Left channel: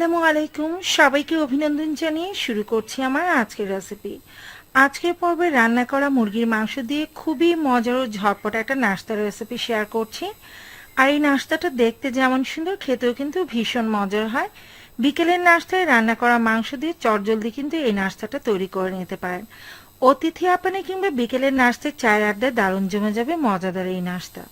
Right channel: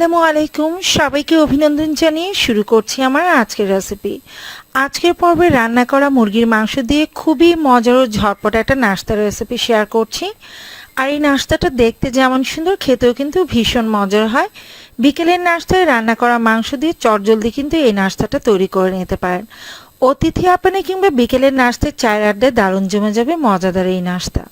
আসসালামু আলাইকুম। সবাইকে অভিনন্দন জানিয়ে শুরু করছি আমার আজকের রেসিপি আজকের পর্বে রান্না করা মুরগির মাংস দিয়ে খুবই মজার ও ঝটপট একটা নাস্তার রেসিপি শেয়ার করছি। আর এই নাস্তাটা দেখতে যেমন সুন্দর, খেতেও কিন্তু ভীষণ মজার হয়। বিকেলের নাস্তায় রান্না করা মাংস দিয়ে চটজলদি কিন্তু এই নাস্তাটা তৈরি করে নিতে পারেন। অতিথি আপানে কিংবা বিকেলের নাস্তায় চায়ের আড্ডায় দারুণ জমে যাবে মজাদার এই নাস্তা।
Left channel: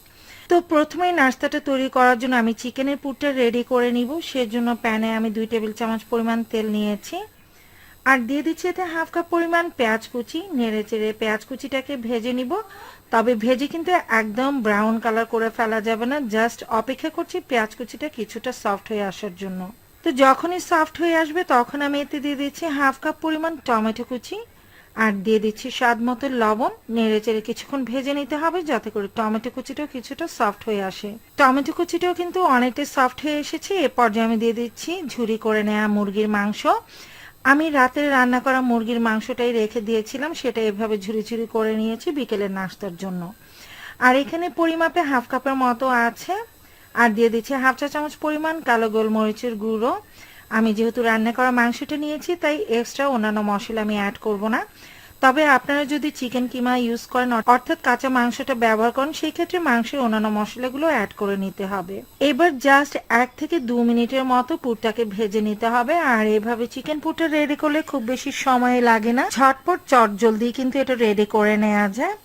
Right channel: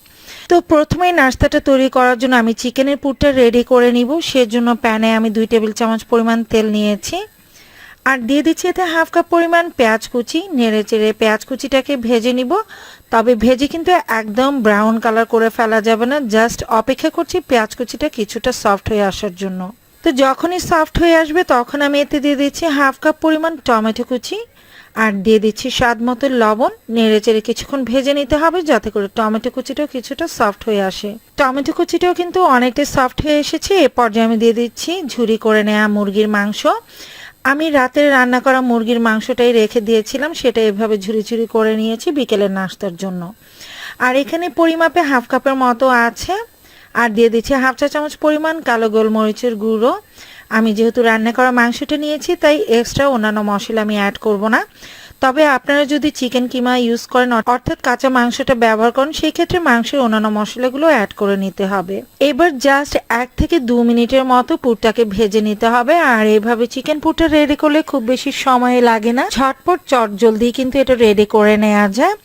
তো প্রথমে নাস্তাটা তৈরি করার জন্য আমি চিকেনের পুরটা রেডি করে নিব। সেজন্য প্যানে আমি দুই টেবিল চামচ পরিমাণ তেল নিয়েছি। আর দিয়ে দিচ্ছি এতে হাফ কাপ পরিমাণ পেঁয়াজ কুচি। নেড়ে চেড়ে পেঁয়াজ কুচিটাকে ভেজে নিব। তবে ভেজে কিন্তু একদম ব্রাউন কালার করে ফেলা যাবে না। জাস্ট অপেক্ষা করছি পেঁয়াজ কুচিটা কিছুটা সফট হয়ে আসার জন্য। তো যখনই সফট হয়ে আসবে তখন আমি এতে দিয়ে দিচ্ছি হাফ কাপ পরিমাণ টমেটো কুচি। আর দিয়ে দিচ্ছি স্বাদ মতো লবণ। নেড়ে চেড়ে কিছুক্ষণ ভেজে নিতে হবে যাতে করে টমেটো কুচিটাও কিছুটা সফট হয়ে আসে। টমেটো কুচিটাও কিন্তু অনেকটাই সফট হয়ে এসেছে। এ পর্যায়ে আমি দিয়ে দিচ্ছি ঝুরি করে নেওয়া মুরগির মাংস। আমি রাতের রান্না করা মুরগির মাংসটাই রেখে দিয়েছিলাম। সেটা এভাবে ঝুরি ঝুরি করে নিয়েছি বিকেলের নাস্তার জন্য। আর এখানে পরিমাপে হাফ কাপের মতো আছে। আর দিয়ে দিচ্ছি হাফ চা চামচ পরিমাণ কালো গোলমরিচের গুঁড়ো। আমি যেহেতু রান্না করা মাংসটা নিয়েছি, তাই এক্সট্রা অন্যান্য মশলা আমি অ্যাড করব না। তবে আপনারা যদি চিকেন কিমা ইউজ করেন অর্থাৎ কাঁচা মাংসটা ব্যবহার করেন, সেই ক্ষেত্রে মাংসের অন্যান্য মশলাগুলো অ্যাড করে নিতে হবে। এবার জাস্ট এক থেকে দু মিনিটের মতো পুরটাকে ভেজে নিতে হবে, আর এভাবে চিকেন পুরটা রেডি করলে খুব বেশি সময় লাগে না। ঝটপট চট জলদি কিন্তু এটা রেডি করে নেওয়া যায়।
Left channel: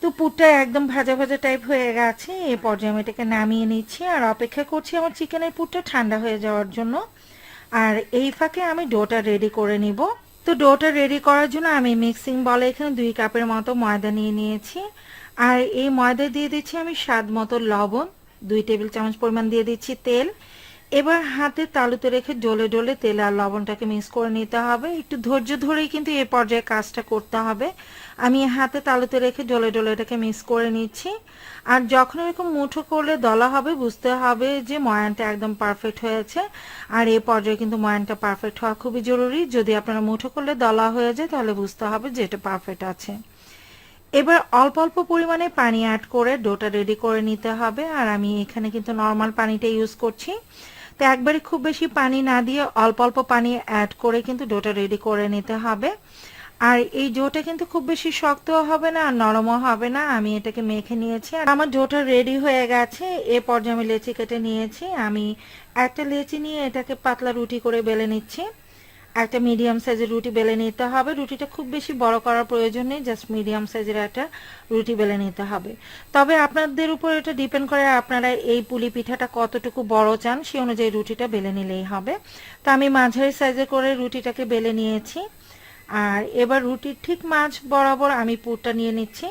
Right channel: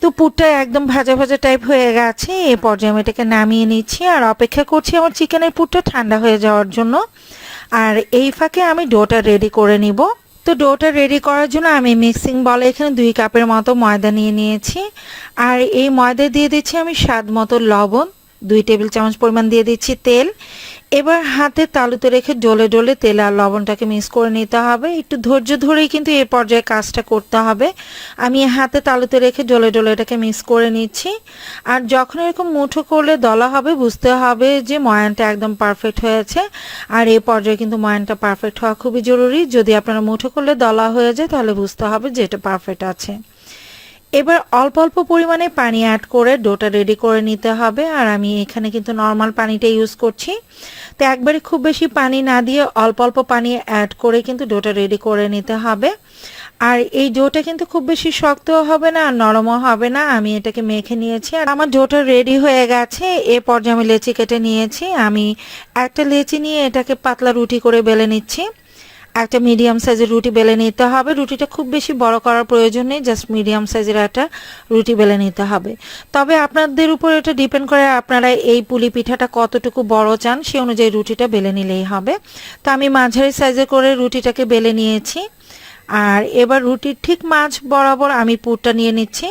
তো পুরটা একদম ভাজা ভাজা টাইপ হয়ে গেছে, এ পর্যায়ে আমি এটাকে নামিয়ে নিচ্ছি, আর অপেক্ষা করছি আমার চিকেনের পুরটা ঠান্ডা হয়ে যাওয়ার জন্য। আর এই ফাঁকে আমি ডোটা রেডি করে নিব। তো ডোটা রেডি করার জন্য আমি মিক্সিং বলে এখানে দুই কাপের মতো ময়দা নিয়ে নিয়েছি। আর এই ময়দা দিয়ে দিচ্ছি আমি স্বাদ মতো লবণ, দুই টেবিল চামচ পরিমাণ দিয়ে দিচ্ছি তেল। এবার হাতে তালুতে রেখে ডলে ডলে তেল আর লবণটাকে মিক্স করে নিতে হবে। একটু ধৈর্য ধরেই কিন্তু এ পর্যায়ে কাজটা করতে হবে। আমি হাতে তালুতে রেখে ডলে ডলে এটাকে মিক্স করে নিচ্ছি। আর যখন এরকম মুঠো করলে দলা হবে, বুঝতে হবে যে ময়ানটা একদম পারফেক্ট হয়েছে। আর এ পর্যায়ে কিন্তু ময়ানটা পারফেক্ট হওয়া খুবই জরুরি। যদি আপনারা মুঠো করলে দলা হয়ে যায়, তাহলে বুঝতে হবে যে এটা পারফেক্ট আছে। এবার অল্প অল্প পরিমাণে পানি অ্যাড করে ডোটা রেডি করে নিতে হবে। আর আমি এখানে কিন্তু নর্মাল পানিটা ইউজ করছি। তো একবারে খুব বেশি পানি না দিয়ে অল্প অল্প পানি অ্যাড করে কিন্তু ডোটা রেডি করে নিতে হবে। আর এই ডোটা কিন্তু খুব বেশি শক্তও হবে না আর নরমও হবে না। আমি এটাকে মেখে নিয়েছি। আর আমার ডোটা রেডি হয়ে গেছে। এ পর্যায়ে আমি লেচি কেটে নিয়েছি, আমি একটা লেচি নিয়ে এটাকে পাতলা রুটি করে বেলে নিচ্ছি। একটা মিডিয়াম সাইজের রুটি বেলে নিতে হবে। রুটিটা খুব বেশি বড় করার প্রয়োজন নেই জাস্ট মিডিয়াম সাইজের একটা রুটি বেলে নিতে হবে। তবে আপনাদের উপর এটা ডিপেন্ড করে আপনারা এই পুলি পিঠাটা কতটুকু বড় চান, সে অনুযায়ী রুটিটা বেলে নিলেই হবে। তো আমি মাঝারি সাইজে করে রুটিটাকে বেলে নিয়েছি। আর এবার রুটির ঠিক মাঝ বরাবর আমি পুরটা নিয়ে নিচ্ছি।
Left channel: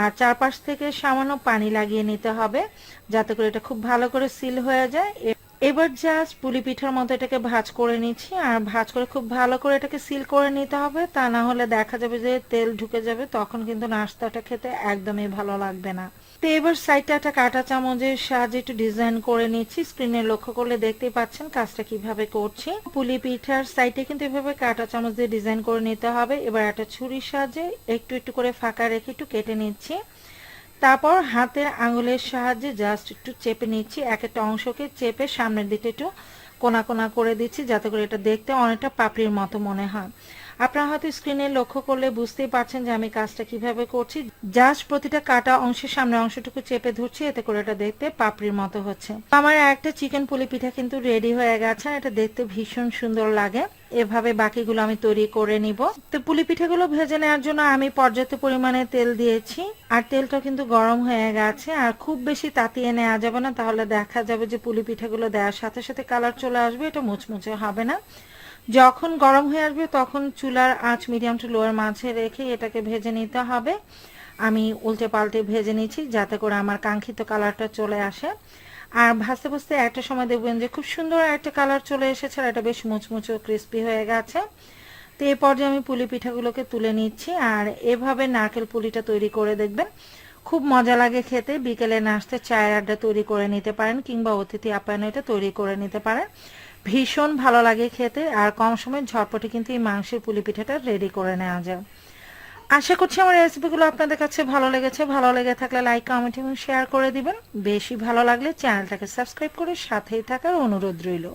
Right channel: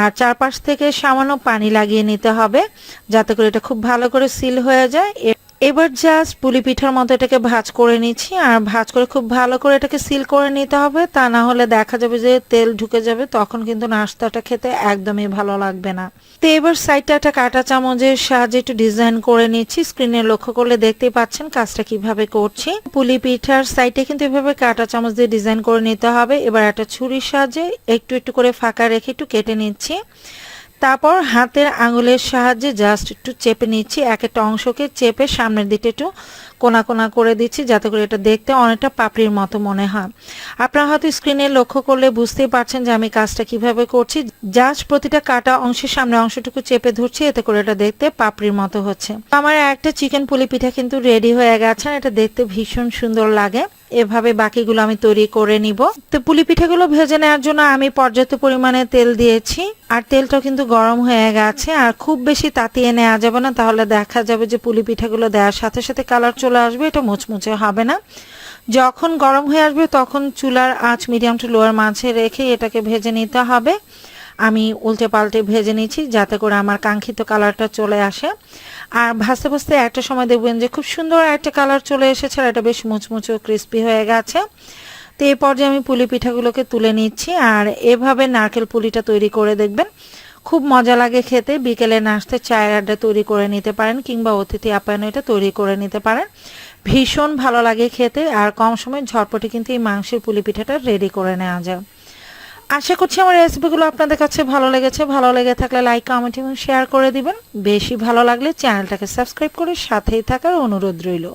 আর চারপাশ থেকে সামান্য পানি লাগিয়ে নিতে হবে, যাতে করে এটা খুব ভালো করে সিল হয়ে যায়। এবার জাস্ট পুলি পিঠার মতো এটাকে ভাজ করে নিচ্ছি, আর ভাজ করে খুব ভালো করে এটাকে সিল করে নিতে হবে, তা না হলে দেখা যাবে যে তেল ঢুকে যাবে, তখন কিন্তু নাস্তাটা খেতে একদমই ভালো লাগবে না। তো এবার সাইডটা একটা কাটা চামচের সাহায্যে একটু ডিজাইন করে নিচ্ছি স্ক্রিনে লক্ষ্য করলে দেখতেই পাচ্ছেন কাজটা কীভাবে করছি। পুলি পিঠার সাইডে কিন্তু এভাবে কাটা চামচ দিয়ে ডিজাইন করে নিতে হবে, এবার একটা ছুরির সাহায্যে একটু একটু করে ফাঁকা রেখে একটু কেটে নিচ্ছি। তারপর হাতের আঙুলের সাহায্যে জাস্ট একটু চেপে নিচ্ছি। এক একটা অংশকে চেপে সামনের দিকে একটু কোনা কোনা করে দিচ্ছি যাতে করে এটা দেখতে অনেকটা পাপড়ির মতো মনে হয়। আপনারা হয়তো স্ক্রিনে লক্ষ্য করলে বুঝতেই পারছেন যে আমি কাজটা কীভাবে করছি। জাস্ট প্রতিটা কাটা অংশের সামনে অংশটুকু চেপে ধরছি, এতে করে এটা দেখতে পাপড়ির মতো হচ্ছে। আমার একটা চিকেন পুলি পিঠা কিন্তু রেডি হয়ে গেছে, এটা দেখতে ভীষণ সুন্দর লাগে। এভাবে বাকিগুলো আমি তৈরি করে নিব। তো পুলি পিঠাগুলো ভেজে নেওয়ার জন্য আমি পর্যাপ্ত পরিমাণে তেল দিয়েছি। আর তেলটা কিন্তু গরম হয়ে গেছে। আর খুব বেশি তাতিয়ে নেওয়া যাবে না। তাহলে দেখা যাবে যে পুলি পিঠাগুলো দেওয়ার সাথে সাথে কালার চলে আসবে। এটা মুচমুচে হবে না। যখন গরম হয়ে আসবে তখন চুলার আঁচ মিডিয়াম টু লোয়ার মাঝে রেখে এটাকে ভেজে নিতে হবে। আমি উল্টে পাল্টে ভেজে নিচ্ছি যাতে করে আমার কাঙ্ক্ষিত কালারটা চলে আসে। আর ভাসতে ভাজতে একটা সময় দেখবেন যে খুব সুন্দর একটা কালার চলে এসেছে আর এটা বেশ মুচমুচো ক্রিস্পি হয়ে গেছে। তো এই পর্যায়ে আমি পুলি পিঠাগুলোকে তুলে নিচ্ছি আর এভাবে নারকেল পুলিটা তৈরি করে দেখবেন। খুব মজা লাগে খেতে, বিকেলে নাস্তে চায়ের আড্ডা তৈরি করে নিতে পারেন কিংবা অতিথি আপ্যায়ন এটা তৈরি করে নিতে পারেন। ভীষণ ভালো লাগে খেতে আর কম সময় ঝটপটে কিন্তু এই মাংসের পুলি পিঠাটা রেডি করে নেওয়া যায়। আশা করছি আমার রেসিপিগুলো আপনাদের কাছে ভালো লেগেছে। ভালো লেগে থাকলে লাইক কমেন্ট এবং শেয়ার করে দিবেন। বেশি ভালো লাগলে চ্যানেলটাকে সাবস্ক্রাইব করে সাথেই থাকার অনুরোধ রইল।